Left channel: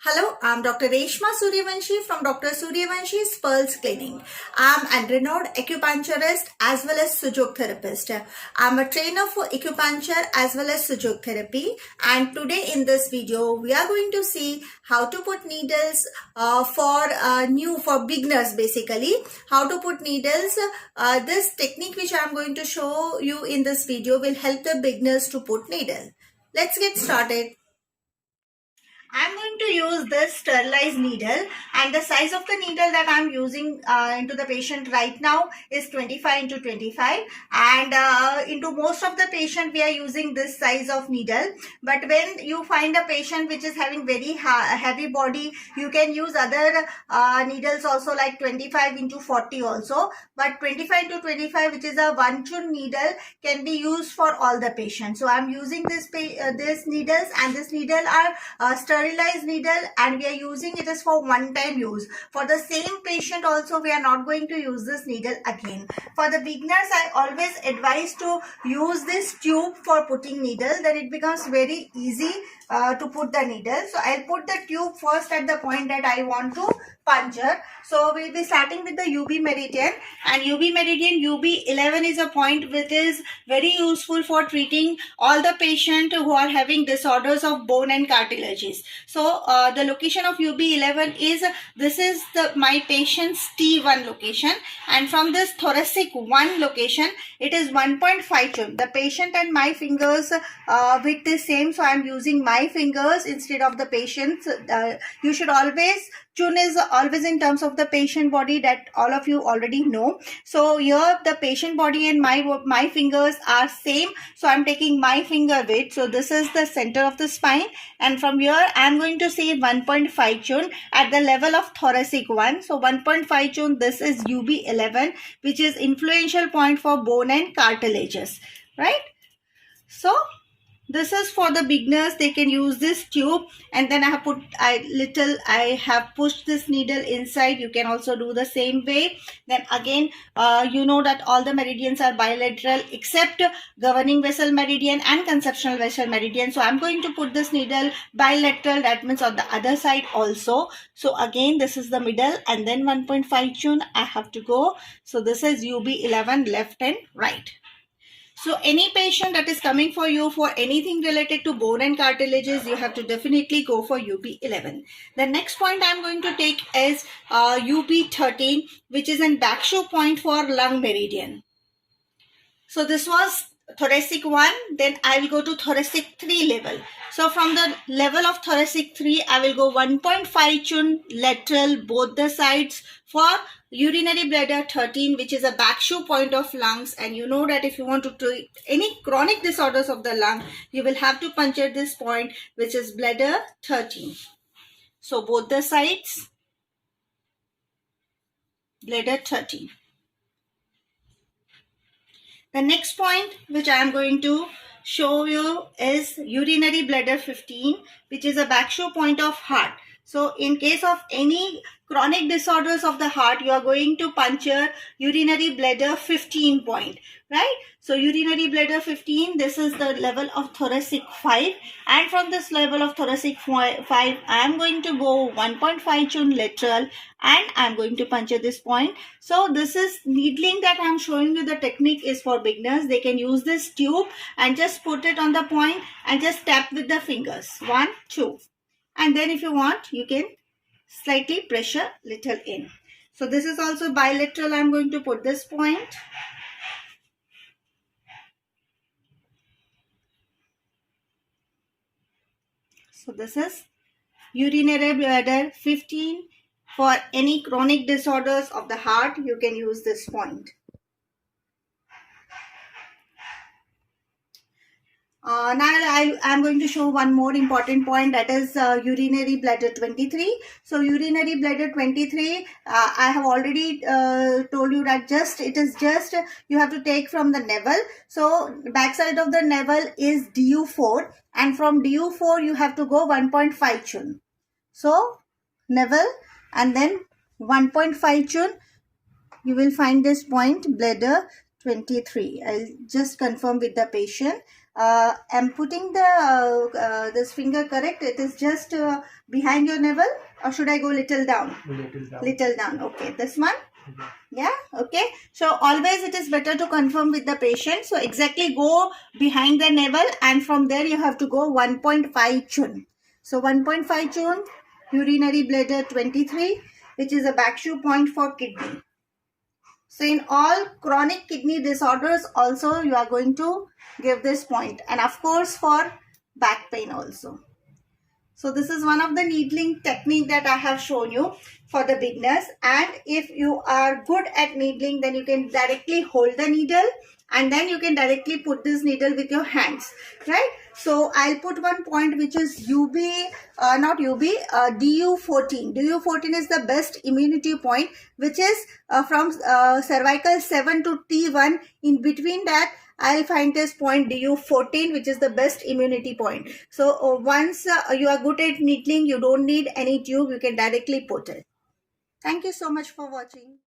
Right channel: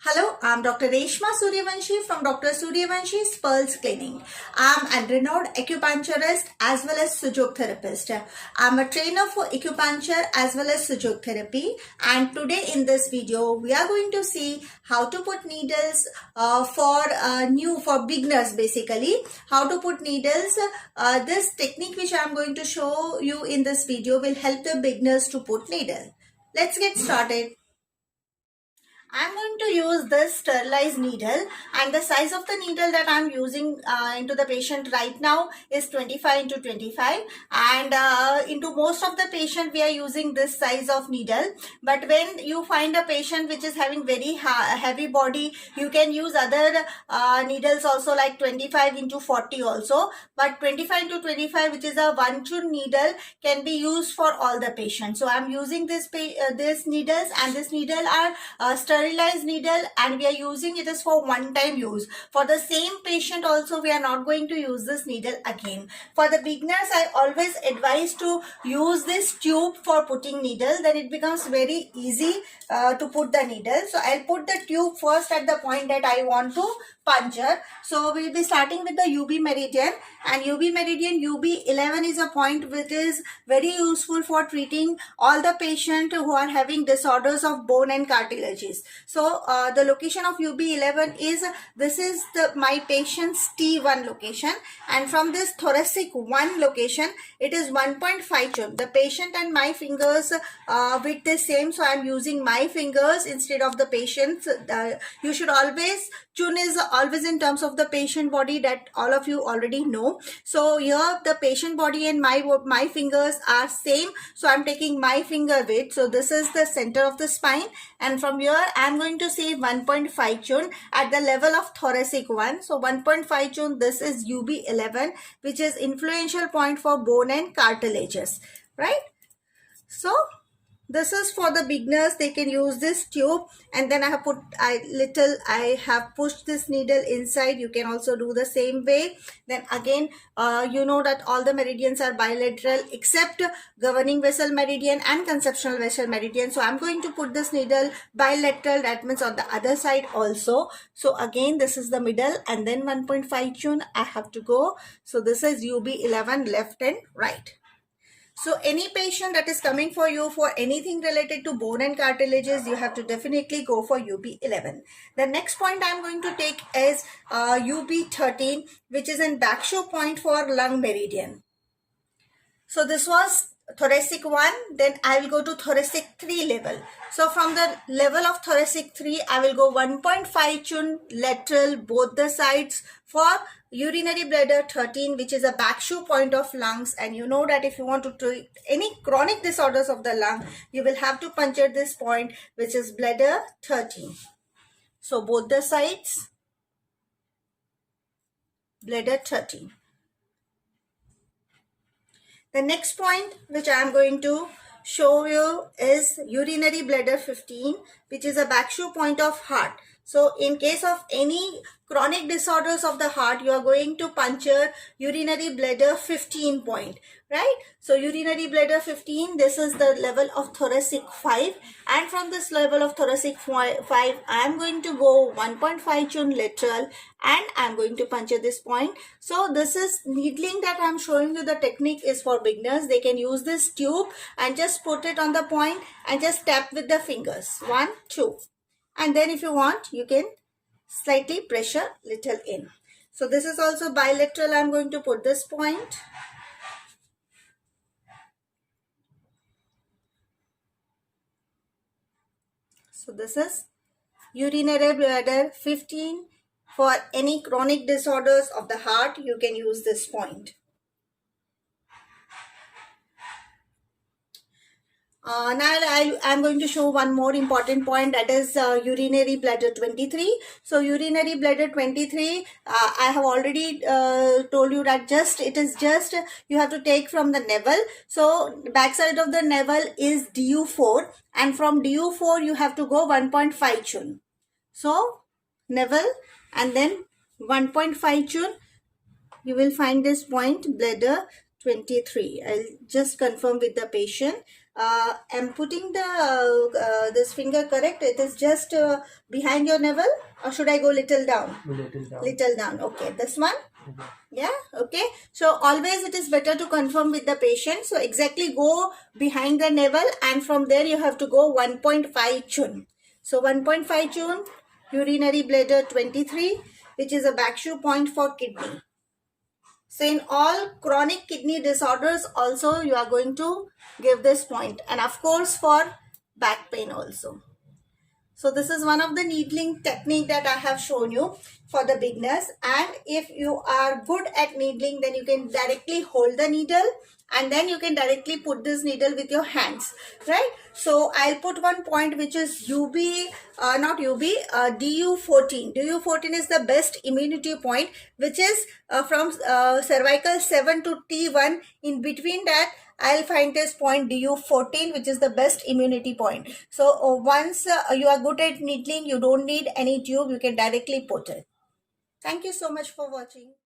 Hello, I'm Dr. Reshma Suryavanshi from Dr. Suryavanshi's Pearls Clinic. I'm a renowned acupuncturist as well as Sujok therapist. I'm a trainer for acupuncture as well as Sujok therapy. And today in this video, we are going to see how to put needles for beginners basically. How to put needles. This technique which I'm going to show you in this video will help the beginners to put needle. Let's get started. I'm going to use this sterilized needle, and the size of the needle that I'm using into the patient right now is 25 into 25, and into most of the patient we are using this size of needle. But when you find a patient which is having very heavy body, you can use other needles also, like 25 into 40 also. But 25 into 25, which is a 1 chun needle, can be used for all the patients. So I'm using this needles, and this needle are sterilized needle, and we are using it as for one time use. For the same patient also, we are not going to use this needle again. For the beginners, I always advise to use this tube for putting needle. Then it becomes very easy to put the needle. So I'll put the tube first at the point that I want to puncture. So we'll be starting with the UB meridian, and UB meridian UB11 is a point which is very useful for treating all the patients who are having disorders of bone and cartilages. So the location of UB11 is, this is my patient's T1 location, and from this thoracic 1 location it is 1.5 chun. The patient and my fingers width is same, so I am using my fingers instead of the patient's. You should always, chun is always in terms of the patient body, that all of you already know. So here the patient body and my fingers are same, so I'm taking my finger width. So this is the center of the spine, and from here I'm going to say 1.5 chun at the level of thoracic 1. So 1.5 chun, this is UB11, which is influential point for bone and cartilages, right? So this is for the beginners. They can use this tube, and then I have pushed this needle inside. You can also do the same way. Then again, you know that all the meridians are bilateral except governing vessel meridian and conceptual vessel meridian. So I'm going to put this needle bilateral, that means on the other side also. So again, this is the middle, and then 1.5 chun I have to go. So this is UB11, left and right. So any patient that is coming for you for anything related to bone and cartilages, you have to definitely go for UB11. The next point I'm going to take is UB13, which is an Bakshu point for lung meridian. So this was thoracic 1, then I will go to thoracic 3 level. So from the level of thoracic 3, I will go 1.5 chun lateral both the sides for urinary bladder 13, which is a Bakshu point of lungs. And you know that if you want to treat any chronic disorders of the lung, you will have to puncture this point, which is bladder 13. So both the sides, bladder 13. The next point which I am going to show you is urinary bladder 15, which is a Bakshu point of heart. So in case of any chronic disorders of the heart, you are going to puncture urinary bladder 15 point, right? So urinary bladder 15, this is the level of thoracic 5, and from this level of thoracic 5, I am going to go 1.5 chun lateral, and I am going to puncture this point. So this is needling that I am showing you. The technique is for beginners. They can use this tube and just put it on the point and just tap with the fingers, 1, 2. And then if you want, you can slightly pressure little in. So this is also bilateral. I'm going to put this point. So this is urinary bladder 15. For any chronic disorders of the heart, you can use this point. Now I'm going to show one more important point, that is urinary bladder 23. So urinary bladder 23, I have already told you that it is just you have to take from the navel. So backside of the navel is DU4, and from DU4 you have to go 1.5 chun. So navel and then 1.5 chun, you will find this point, bladder 23. I'll just confirm with the patient. I'm putting the this finger correct. It is just behind your navel, or should I go little down? Little down. Little down. Okay, this one. Mhm. Yeah, okay. So always it is better to confirm with the patient. So exactly go behind the navel, and from there you have to go 1.5 chun. So 1.5 chun, urinary bladder 23, which is a backshoe point for kidney. So in all chronic kidney disorders also you are going to give this point, and of course for back pain also. So this is one of the needling technique that I have shown you for the beginners. And if you are good at needling, then you can directly hold the needle and then you can directly put this needle with your hands, right? So I'll put one point which is DU14. DU14 is the best immunity point, which is from cervical 7 to T1. In between that, I'll find this point DU14, which is the best immunity point. So once you are good at needling, you don't need any tube. You can directly put it. Thank you so much for watching.